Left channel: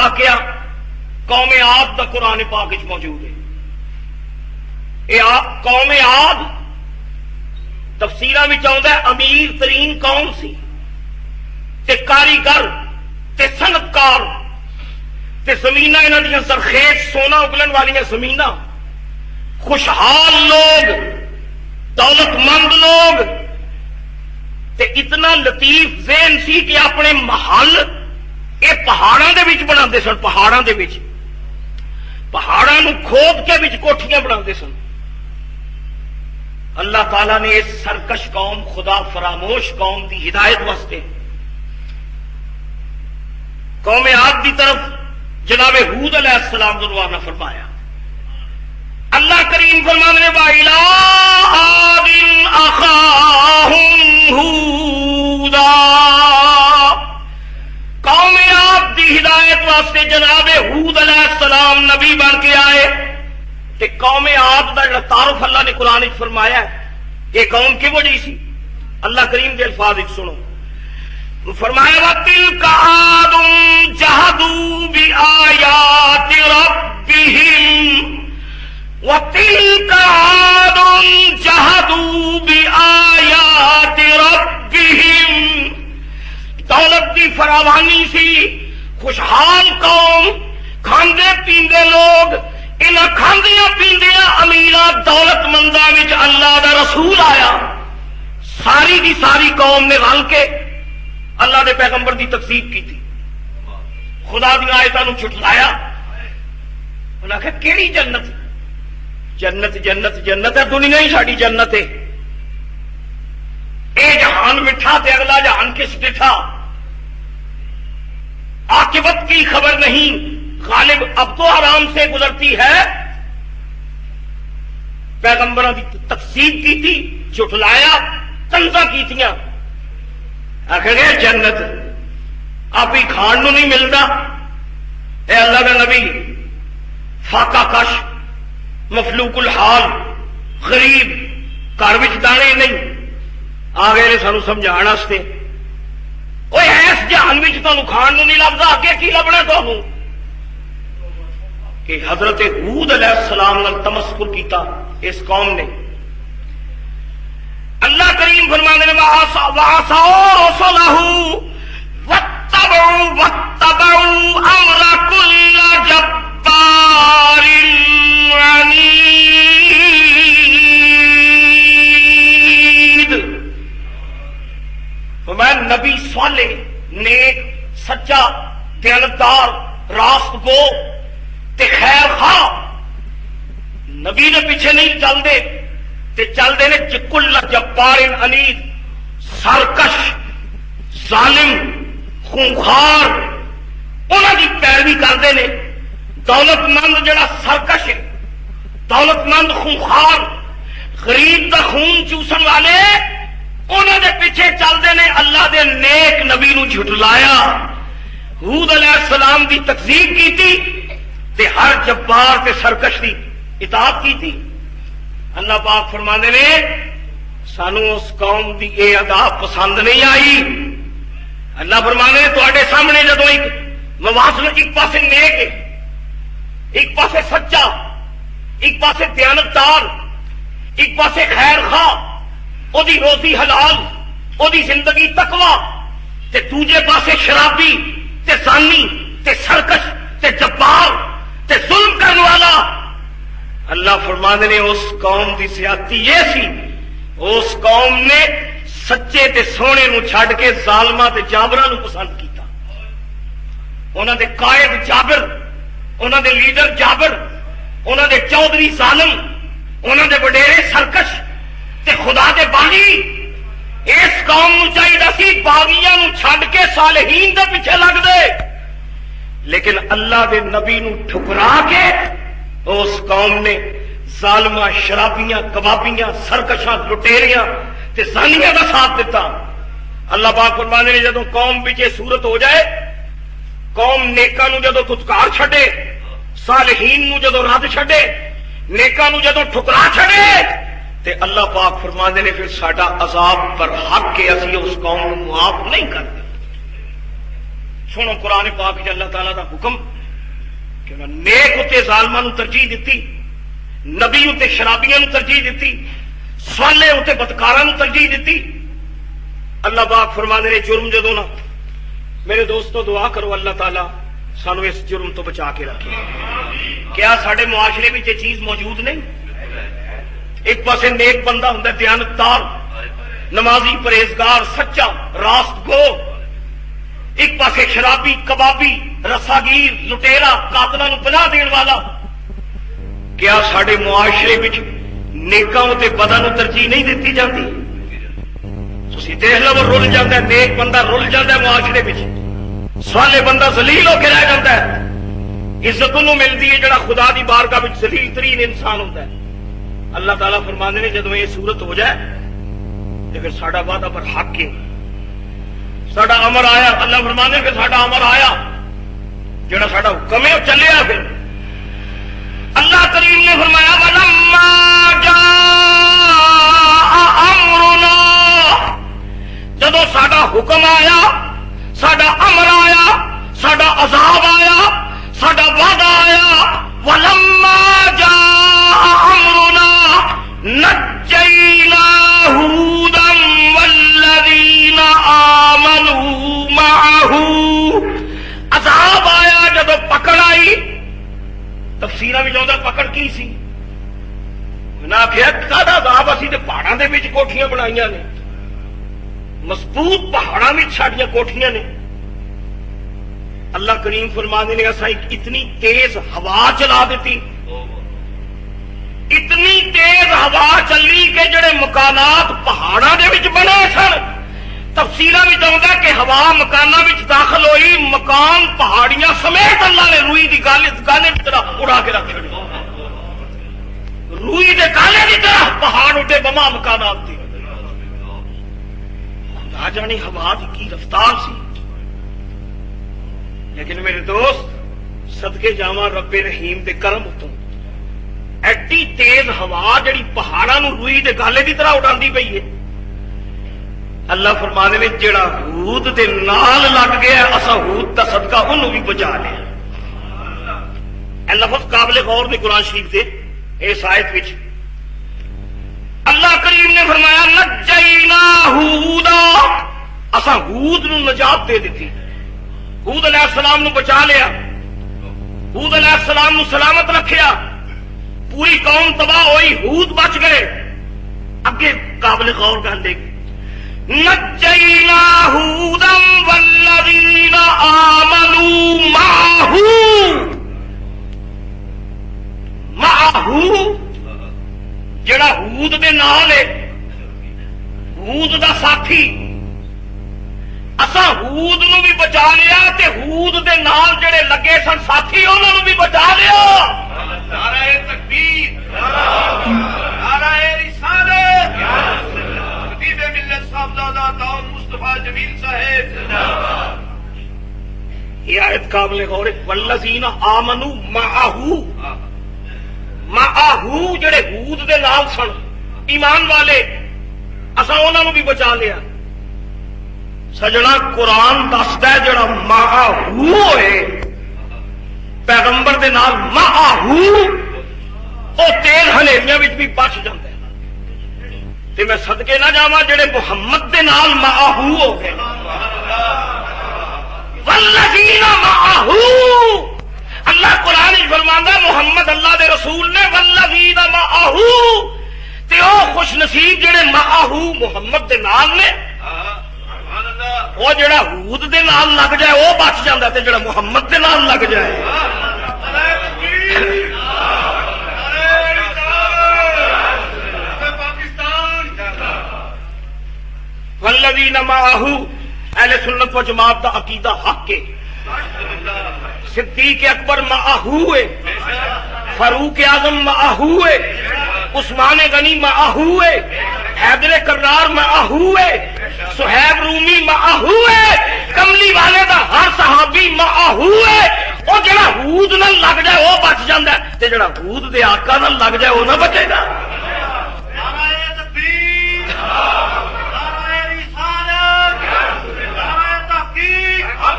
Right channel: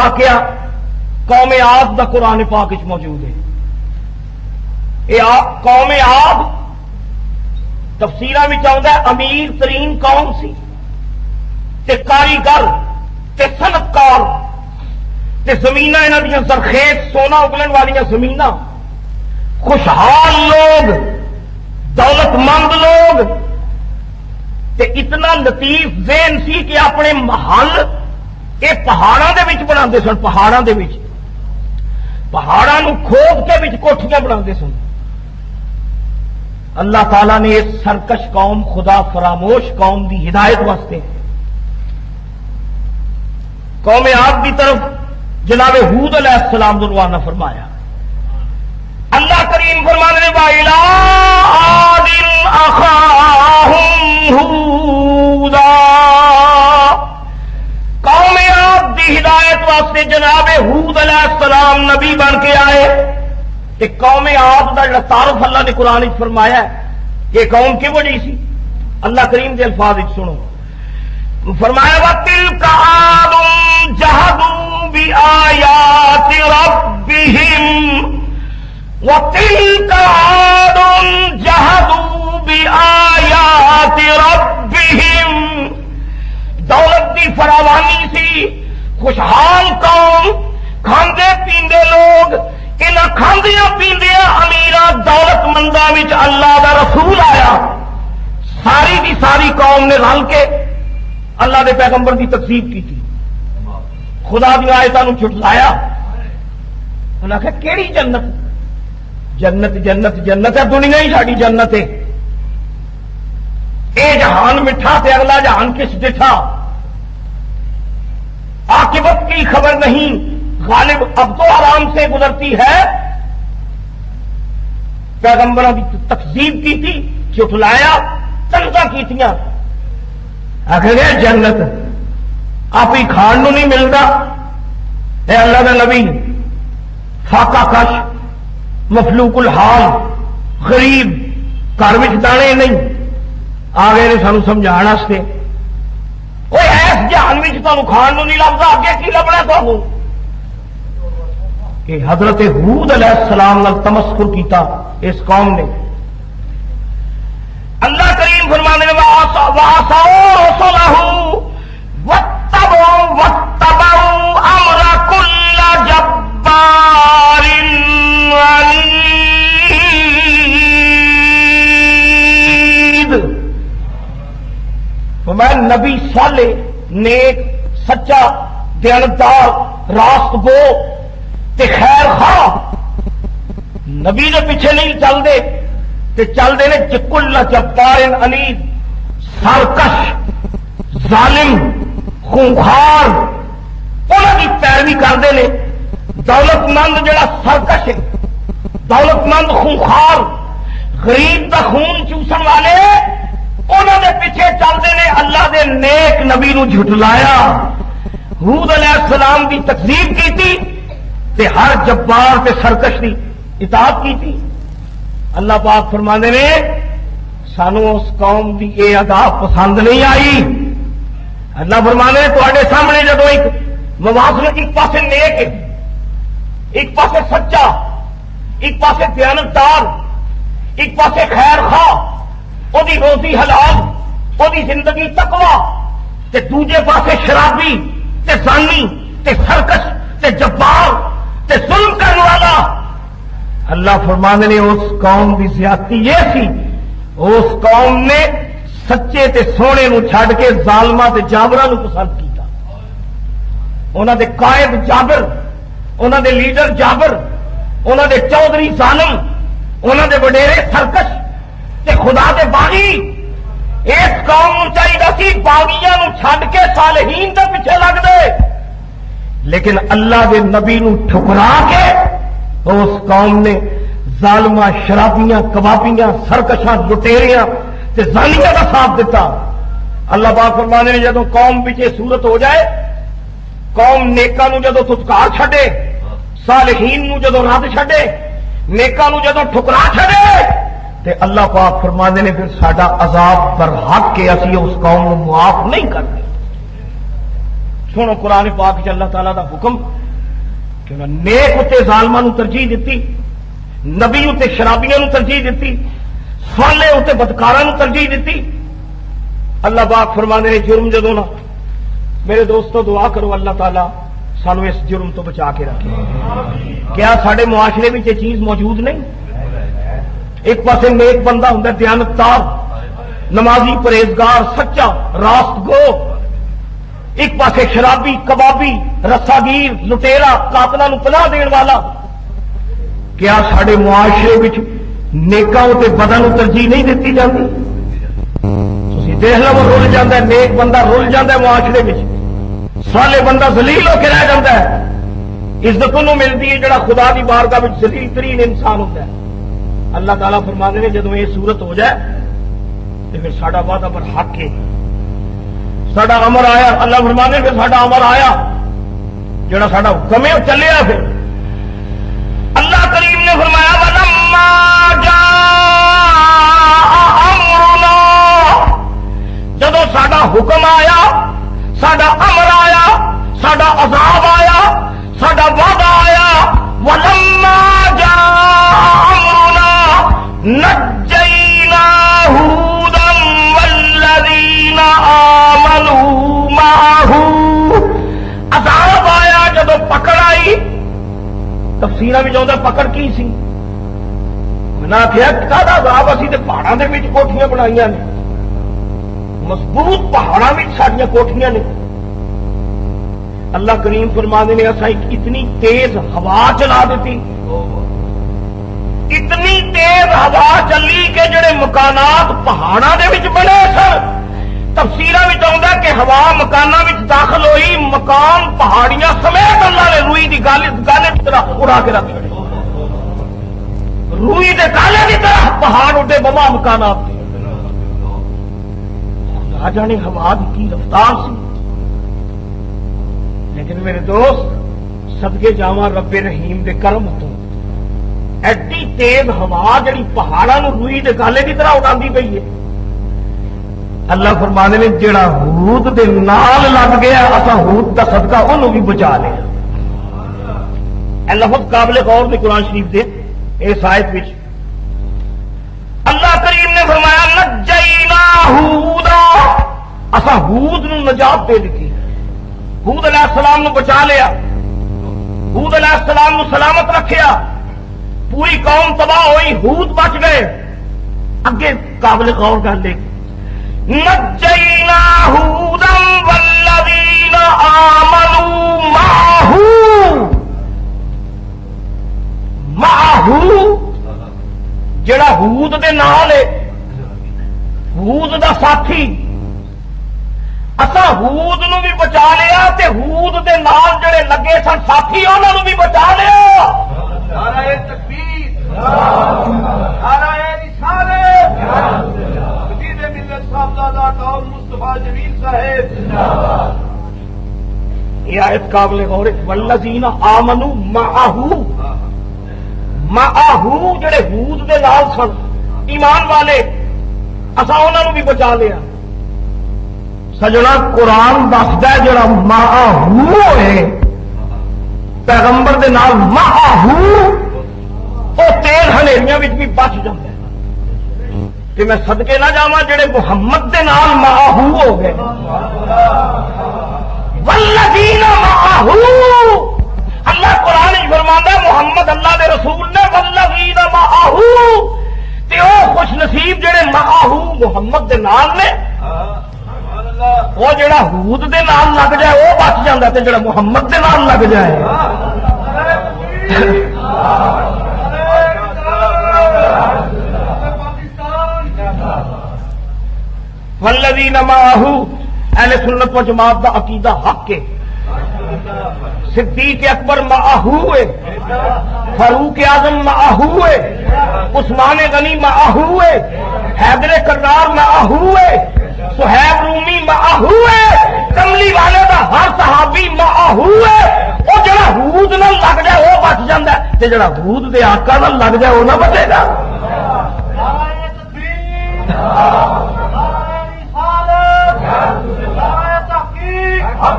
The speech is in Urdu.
واقعہ قوم عاد دا قرآن پاک وچ موجود ہے. یہ قوم عاد تفسیراں وچ آوندا ہے امیر ترین قوم سی تے کاریگر تے صنعتکار تے زمیناں انہاں دیاں زرخیز سونا اگلن والیاں زمیناں، خوشحال لوگ، دولت مند لوگ، تے اتنا لطیف ذہن سی کہ اپنے محل یہ پہاڑاں دے وچ بناندے سن. پہاڑاں دے وچ پہاڑاں نوں کھود کے وچ کوٹھیاں بناندے سن. اللہ تعالیٰ نے اس سرکش قوم، خدا فراموش قوم دی ہدایت واسطے قوم عاد دی طرف جناب ہود علیہ السلام روانہ فرمایا. اللہ کریم فرمانے وَإِلَىٰ عَادٍ أَخَاهُمْ هُودًا، قوم عاد دی ہدایت واسطے جناب ہود علیہ السلام نبی بن کے آئے. کہ قوم عاد دا جڑا تعارف اللہ نے قرآن وچ فرمایا ہے کہ قوم کی بڑی سی. اللہ کریم کے الفاظ وچ سنو، فرمایا وَتِلْكَ عَادٌ جَحَدُوا بِآيَاتِ رَبِّهِمْ وَتِلْكَ عَادٌ جَحَدُوا بِآيَاتِ رَبِّهِمْ. دولت دی فراوانی سی، خوشحال قوم، کھاندے پیندے لوگ. انہاں کھاندیاں پیندیاں امیراں دولت منداں وچ اللہ دا رسول آیا. ساری دی ساری قوم نے رل کے اللہ دے پیغمبر دی تکذیب کی تھی، خدا دی آیتاں نوں جھٹلایا. انہاں کہ کیڑی جنت؟ جنت جنت جنت ہے، دنیا ہی ساری جنت ہے. اے جہان مٹھا تے اگلا جہان کس ڈٹھا، عاقبت کی خبر نہیں، غالب اب تو آرام سے گزرتی ہے. پیغمبروں کی تکذیب کی تھی، جھٹلایا، تنزا کیتیاں. آخر گئے جنت آپ ہی کھان نو نہیں ملتا. اے اللہ کا نبی فاقہ کش، مفلوق الحال، غریب، گھر وچ دانے نہیں، آ گئے نے سانو سمجھان واسطے. کوئی ایس جہان وچ تانوں کھان نو نہیں لبدا، اگے کی لبنا تانوں؟ کہ حضرت ہود علیہ السلام نال تمسخر کیتا اس قوم نے. اللہ کریم فرمانے لگا وَعَصَوْا رُسُلَهُ وَاتَّبَعُوا أَمْرَ كُلِّ جَبَّارٍ عَنِيدٍ. میں نبی صالح، نیک، سچا، دیانتدار، راست گو تے خیر خواہ نبی دے پیچھے نہیں چل دے تے چل دے نے کل جبار عنید، سرکش، ظالم، خونخوار، انہاں دی پیروی کرتے ہیں. دولت مند جڑا سرکش ہے، دولت مند خونخوار، غریب دا خون چوسن والے، انہاں دے پیچھے چلتے ہیں. اللہ دے نیک نبی نو جھٹلایا، ہود علیہ السلام دی تکذیب کی تھی تے ہر جبار تے سرکش دی اطاعت کی تھی. اللہ پاک فرماندے نے سانو اس قوم دی اے ادا پسند نہیں آئی. اللہ فرماندے نے تواڈے سامنے جدو ایک موازن، ایک پاسے نیک ہے، ایک پاسے سچا، ایک پاسے دیانتدار، ایک پاسے خیر خواہ، او دی روزی حلال، او دی زندگی تقوی، تے دوجے پاسے شرابی تے زانی تے سرکش تے جبار تے ظلم کرنے والا. اللہ فرمانے نے اس قوم دی زیادتی یہ سی، اس قوم نے سچے تے سونے نو چھڈ کے ظالماں تے جابراں نو پسند کیتا. انہاں دے قائد جابر، انہاں دے لیڈر جابر، انہاں دے چودھری ظالم، انہاں دے وڈیرے سرکش تے خدا دے باغی. اس قوم نو چاہیے سی باغیاں نو چھڈ کے صالحین دے پیچھے لگ دے، لیکن اللہ دے نبی نو ٹھکرا کے اس قوم نے ظالماں، شرابیاں، کبابیاں، سرکشاں، لٹیریاں تے زانیاں کا ساتھ دیتا. اللہ پاک فرمانے نے جدو قوم وچ یہ صورت ہو جائے، قوم نیکاں نو جدو دھتکار چھڈے، صالحین نو جدو رد چھڈے، نیکاں نو جدو ٹھکرا چھڈے، تے اللہ پاک فرماندے نے پھر ساڈا عذاب برحق کے اسی اس قوم کو معاف نہیں کرتے. سنو قرآن پاک چ اللہ تعالیٰ دا حکم کہ نیک اتنے ظالماں نو ترجیح دیتی، نبی اتنے شرابیاں نو ترجیح دیتی، صالح اتنے بدکاراں نو ترجیح دیتی۔ اللہ پاک فرماندے نے جرم جدوں نہ، میرے دوستو دعا کرو اللہ تعالیٰ سانو اس جرم تو بچا کے رکھے۔ کیا سارے معاشرے میں یہ چیز موجود نہیں؟ ایک پاسے نیک بندہ ہوں دیانتدار، نمازی، پرہیزگار، سچا، راست گو، ایک پاسے شرابی، کبابی، رساگیر، لٹیرا، قاتلاں نو پناہ دین والا۔ کیا سارے معاشرے وچ نیکاں تے بداں نو ترجیح نہیں دیتی جاندی؟ تسی دیکھ لو رول جاندا ہے، نیک بندہ رول جاندا ہے معاشرے وچ، صالح بندہ ذلیل ہو کے رہ جاندا ہے۔ عزت انہوں ملتی ہے جڑا خدا دی بارگاہ وچ ذلیل ترین انسان ہوتا ہے۔ اللہ تعالیٰ فرماندے نے جدوں یہ صورت ہو جائے تو پھر ساڈا وعدہ پر حق ہے، ساڈا امر آیا۔ اللہ فرماندے پھر ساڈا امر آیا، جڑا ساڈا حکم ہے وہ چلیا۔ پھر اللہ کریم نے فرمایا وَلَمَّا جَاءَ أَمْرُنَا، جدوں ساڈا حکم آیا، ساڈا امر آیا، ساڈا عذاب آیا، ساڈا وعدہ آیا، وَلَمَّا جَاءَ أَمْرُنَا نَجَّيْنَا هُودًا وَالَّذِينَ آمَنُوا مَعَهُ، عذاب آیا جدوں پکڑ آئی۔ تفسیراں وچ آندا پکڑ کی سی؟ میں آخیا ساڈا عذاب اسی تے پہاڑاں دے وچ کوٹھیاں بنائیاں نے، مضبوط پہاڑاں وچ ساڈیاں کوٹھیاں نے۔ اللہ کریم فرماندے نے ایسا اتنی تیز ہوا چلا دیتی، اتنی تیز ہوا چلی کہ جڑے مکانات پہاڑاں دے وچ بنے سن، تفسیراں وچ آندا کہ ہوا مکاناں وچ داخل ہوئی، مکان پہاڑیاں سمیت اللہ نے روئی دی گالے کی طرح اڑا کے رکھ چھڑی، روئی دے گالے کی طرح پہاڑ اٹھے بما مکانات تھے۔ نہ جانے ہوا دی کی رفتار سی، لیکن میرے دوست صدقے جاواں رب رحیم دے کرم تو ایڈی تیز ہوا جڑی پہاڑاں نو روئی دے گالے کی طرح اڑاندی پئی ہے۔ اللہ فرمانے نے جڑا ہود دے نال لگ گیا اسا ہود دا صدقہ انہوں بھی بچا لیا۔ لفظ قابل غور نے قرآن شریف دے اس آیت وچ اللہ کریم نے فرمایا نجینا ہودا، اسا ہود نو نجات دے دیتی، ہود علیہ السلام نو بچا لیا، ہود علیہ السلام نو سلامت رکھیا، پوری قوم تباہ ہوئی، ہود بچ گئے۔ اگے قابل غور گل دیکھ نجینا ہودا والذین آمنوا معہ، معہ جڑا ہود دے نال ہے، ہود دا ساتھی، اسا ہود نو بھی بچا لیا تے ہود دے نال جڑے لگے سن ساتھی انہاں نو بھی بچا لیا۔ نعرہ تکبیر، نعرہ رسالت، خطیب ملت صاحبزادہ داؤد مصطفیٰ جمیل صاحب زندہ باد۔ یہ آیت قابل غور ہے، والذین آمنوا معہ، معہ جڑے ہود دے نال سن ایمان والے، اسا انہاں نو بھی بچا لیا۔ سجنا قرآن دسدا ہے جڑا معہ ہوئے پیغمبر دے نال معہ او تیز ہنیریاں وچ بھی بچ جاندا ہے۔ تے میں صدقے نہ جاواں جڑے محمد دے نال معہ ہو گئے، والذین معہ، اللہ قرآن فرماندا محمد اللہ دے رسول نے والذین معہ، تے او خوش نصیب جڑے معہ محمد دے نال نے، وہ جڑا ہود دے نال لگ جائے وہ بچ جاتا، تے جڑا محمد دے نال لگ جائے۔ والذین معہ، اہل سنت و جماعت دا عقیدہ حق ہے۔ صدیق اکبر معہ ہے، فاروق اعظم معہ ہے، عثمان غنی معہ ہے، حیدر کرار معہ ہے، سہیب رومی معہ ہے، کملی والے دا ہر صحابی معہ ہے۔ وہ جڑا ہود نال لگ جائے وہ بچ جاندا ہے، تے جڑا ہود دے آقا نال لگ جائے وہ نہ بچے گا۔